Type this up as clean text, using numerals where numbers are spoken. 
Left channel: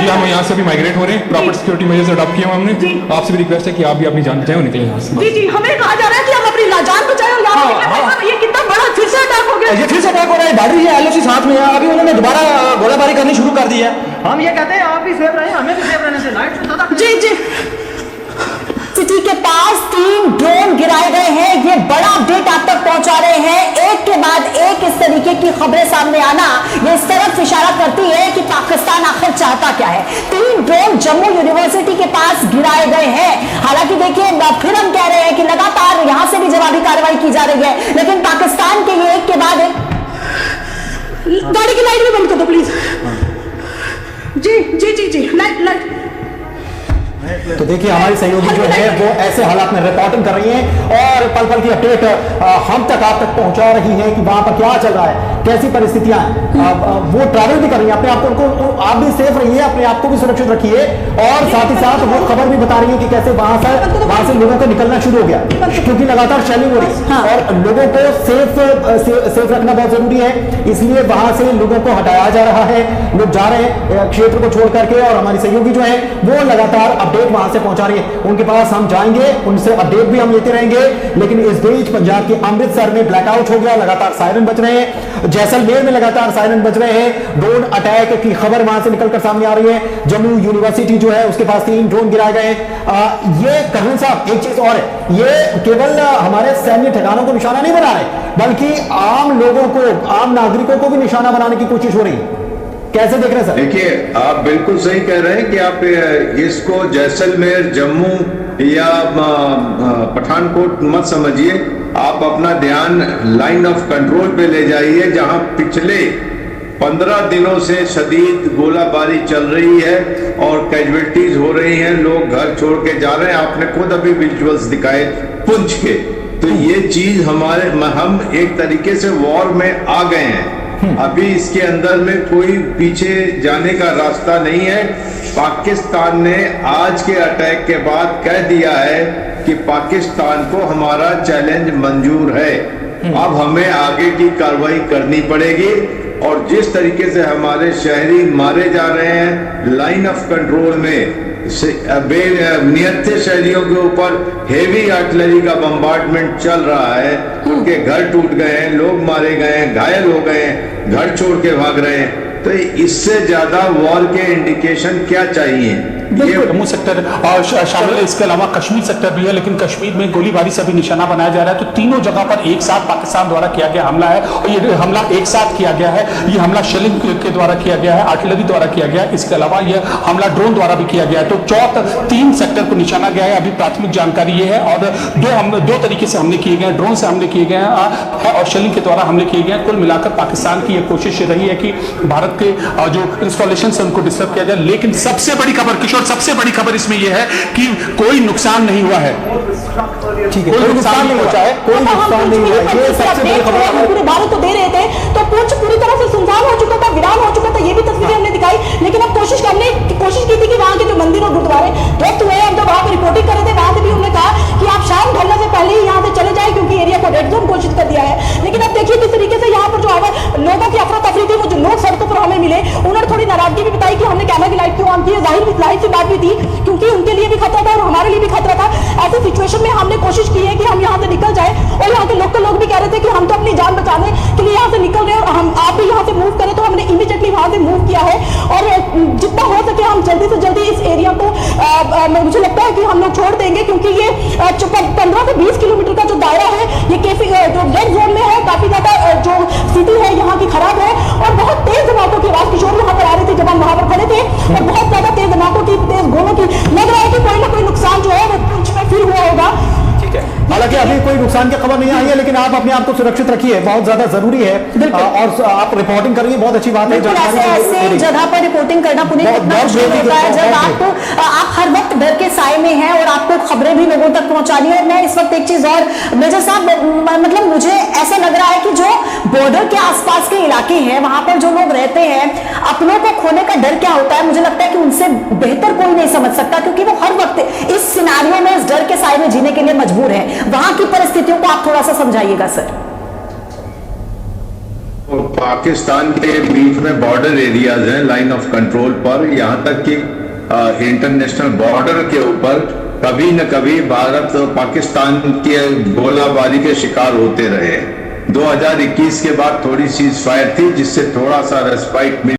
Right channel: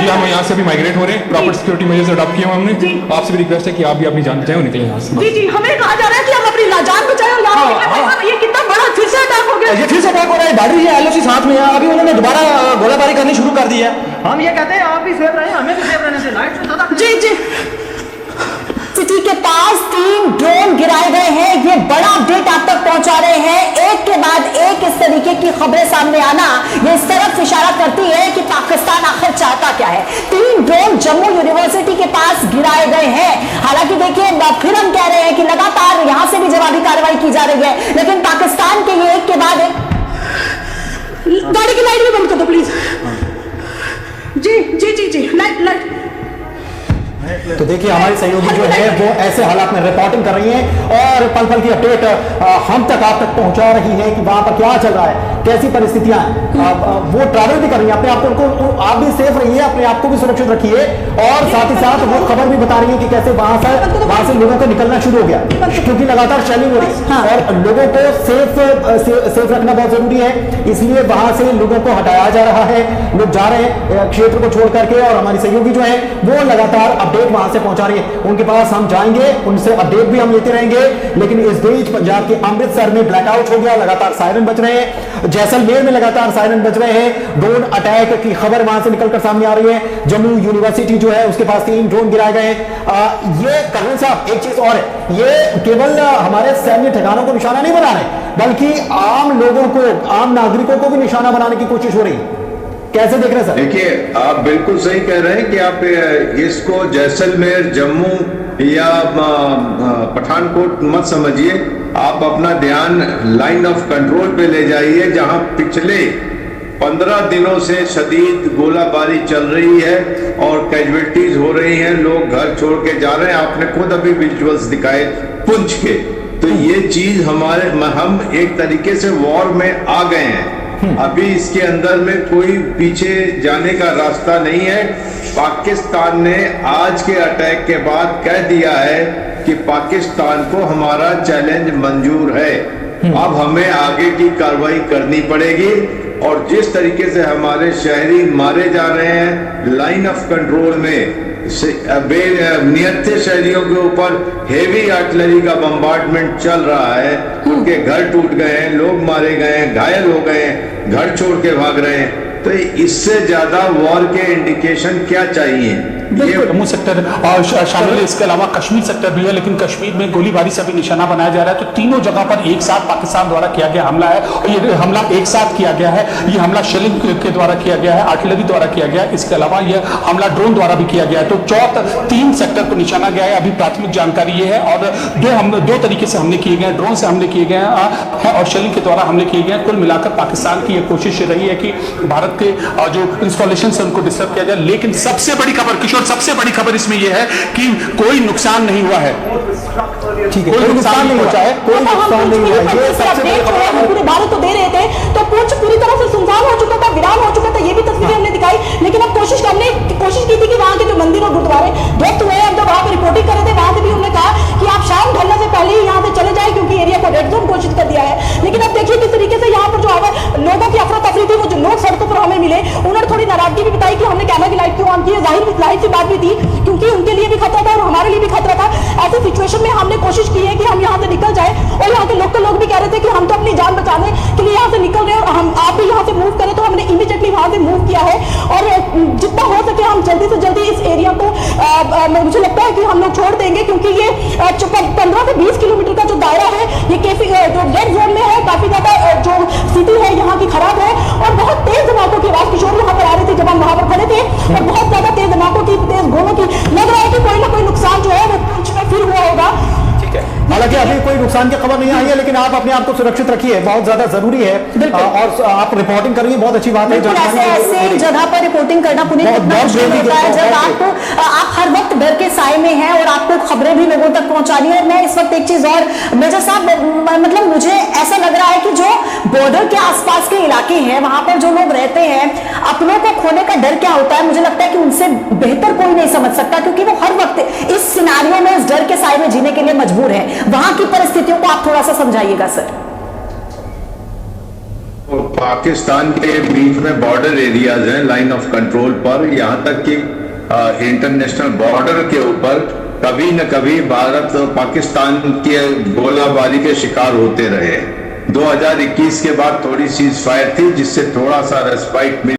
जी हम यहाँ से भी माइग्रेट हो रहे हैं, प्रॉपर सिक्योरिटी मेजर्स अडॉप्ट किए हमने। आपसे भी रिक्वेस्ट है कि आप भी अपनी जान बचाएं, निकलें। जी जी, हमें कहा जा रहा है कि हम अपनी जान बचाएं। ये कितना बड़ा फिर से अटैक हो गया, ये फिर से अटैक हो रहा है। गाड़ी है एलओसी साथ में है, अभी उन्होंने दोबारा गोलाबारी करनी शुरू कर दी है। हम ये कहते हैं आप भी सेफ रहें, हमें भी सेफ रहने से लाइट। जी जी। सिटी के पास 3 ड्रोन गिराए गए हैं, ये बड़ा अपडेट आप तक पहुंचा रहे हैं। एक के बाद एक इस तरीके की खबरें सामने आना ये इस तरफ इशारा करती है कि पाकिस्तान आखिर चाहता क्या है। 3 ड्रोन जम्मू यूनिवर्सिटी के पास गिराए गए हैं। हालांकि देखिए फिर हम कह रहे हैं कि लगातार यहां से भी जवाबी कार्रवाई की जा रही है, लेकिन पाकिस्तान के लिए एक के बाद एक। गाड़ी की लाइट भी बंद कर दो please. Ji ji ji ji, light. तो देखिए हमारी सहयोगी जो है वो ऐसे हालात में रिपोर्टिंग कर रही हैं और पल पल की अपडेट हम तक आप तक पहुंचा रही है कि वहां पर क्या चल रहा है, कैसी परिस्थितियां हैं। वो ट्रैवल भी कर रही है, अपने आप को आप भी सेफ रहिए, अपने आप को भी सुरक्षित रखिए और साथ ही साथ वो खबर भी बता रही है कि कैसे वहां से लोगों का निकलना शुरू हो गया, क्योंकि लगातार शेलिंग हो रही है और लोगों को सेफ रखना बहुत जरूरी है। इसलिए वहां से लोगों को हटाया जा रहा है, लोग जा रहे हैं क्षेत्र को छोड़ करके और हमारी सहयोगी जो है वो लगातार अपडेट वहां से पहुंचा रही है। उनके पास हम जाएंगे, उनसे अपडेट भी हम लेते रहेंगे। लेकिन इस बीच पंजाब के अमृतसर में ब्लैकआउट हो गया, लगातार सायरन बज रहे हैं। जैसलमेर में लगातार सायरन बज रहे हैं। ड्रोन अटैक की खबर वहां से निकलकर सामने आ रही है। जम्मू यूनिवर्सिटी जो है उसके पास 3 ड्रोन गिराए गए हैं। ये कर्नल साहब एक चीज और है, ये केवल हमारे सैन्य ठिकानों को निशाना नहीं बना रहे, बल्कि आम लोगों को, आम नागरिकों को भी निशाना बनाने की कोशिश हो रही है। कैसे देख रहे हैं सर? देखिए आप बिल्कुल सही कह रहे हैं कि आप इसको जैसलमेर, जम्मू या पठानकोट मत समझिए। आप अपना ध्यान लाइन ऑफ कंट्रोल पे ले जाइए, जहां पिछले 15 दिनों से शदीद गोलाबारी चल रही है और कैजुअलिटीज हो रही हैं, लोग घर छोड़ के जा रहे हैं। आपने खुद अभी विजुअल्स दिखाए पुंछ के। तो ये चीज हम एक तरीके से वॉर में आ गए हैं। अभी इसके अंदर में कोई पीछे जाने का रास्ता नहीं है। पाकिस्तान ने आज के अटैक के बाद कह दिया है कि पाकिस्तान को हमारा चैलेंज मंजूर है। अब हमें आगे की कार्रवाई करनी पड़ेगी और जिस तरीके से हमारे शहरी मारे जा रहे हैं लाइन ऑफ कंट्रोल में, नियत शहरियों के ऊपर हेवी आर्टिलरी का बम्बार्डमेंट चल रहा है, उनके घर टूट गए हैं, लोग मारे गए हैं, घायल हो गए हैं, घर छोड़ के भाग रहे हैं। तो इससे ज्यादा वॉर के इंडिकेशन क्या चाहिए? जम्मू सेक्टर शामिल है, इसके अलावा कश्मीर सेक्टर भी है, लेकिन कश्मीर में गोलीबारी से भी निशाना बनाया जा रहा है। तो तीनों जगह पर एक साथ पाकिस्तान द्वारा किया गया हमला है और ये हमला एक साथ किया गया है। ये हमला शेलिंग के द्वारा किया गया है, आर्टिलरी द्वारा किया गया है, इसके अलावा यह हमला ड्रोन द्वारा भी किया गया है। तो 3 सेक्टर को निशाना गया है। अभी प्राथमिक जानकारी ये है और दो तरीके से हमले किए गए, ड्रोन से हमले किए गए हैं और शेलिंग के द्वारा हमले किए गए। कुल मिलाकर पाकिस्तान की यह कोशिश रही है कि भारत के जो इंस्टॉलेशन है उनको डिस्टर्ब किया जाए। लेकिन सबसे बड़ी खबर किशोर, सबसे बड़ी खबर इसमें यह है कि कोई नुकसान नहीं हुआ है। पूरे भारत को दे रहे थे तो पूरी तरह से सुनसान हो चुका था, वीरान हो चुका था। ये भी तस्वीरें हमने दिखाई, लेकिन अब कोशिश की थी कि वहां के जो मंदिर और गुरुद्वारे ध्वस्त हुए हैं। हम जब वहां पर रिपोर्टिंग कर रहे थे वहां से भी हमने कहा कि आप शाम ढलने से पहले ही यहाँ से चले जाए, क्योंकि एरिया को रेड जोन घोषित कर दिया है। लेकिन अब देखिए किस तरीके से यहाँ पर जो है लोगों की अपना तकलीफ थी, वो जो लोग सड़कों पर हमें मिले, उन्होंने थोड़ी नाराजगी भी बताई कि हमें कैमरा की लाइट को ऑन की, वहीं लाइट से बात की। जो सिटी है यहाँ की खराब है और बहुत तेज धमाकों की आवाज किशोर यहाँ पर आ रही थी जब हम वहां पर खड़े थे और बहुत ज्यादा तेज धमाकों की, तेज गोलों की। लग रहा है कि कहीं ना कहीं नुकसान जो है फील हुआ होगा। हालांकि अभी कोई नुकसान की खबर नहीं आई है, लेकिन आप अपने आप को सुरक्षित रखिए, बहुत ज्यादा जरूरी है। और आप रिपोर्टिंग करिए, बहुत अच्छी बात है। ऐसे जगह पर रिपोर्टिंग करना पुलिस जब आप हर वक्त डर के साए में हैं और आपको खबरें भी लोगों तक पहुंचानी है। मैं इस वक्त एक चीज और मेजर साहब, मतलब मुझे ऐसा लग रहा है कि जो बॉर्डर के आसपास के इलाके हैं वहां पर जो लोग रहते हैं, अपनों को खोने का डर क्या होता है, मुझे लगता है कि उनसे बेहतर कोई नहीं समझ सकता, क्योंकि वो हर वक्त इस सिनारियों में, इस डर के साए में जीने के लिए मजबूर है। वहां की परिस्थितियों को आप थोड़ा सा समझाइएगा सर। पाकिस्तान के बीच में बॉर्डर एरियाज हैं लाइन ऑफ कंट्रोल पर, यहाँ तक कि इंटरनेशनल बॉर्डर के ऊपर कभी न कभी भारत और पाकिस्तान के गोलाबारी के शिकार होते रहे। 2021 के बाद थोड़ी सीज फायर थी जिससे थोड़ा सा रेस्पाइट मिला।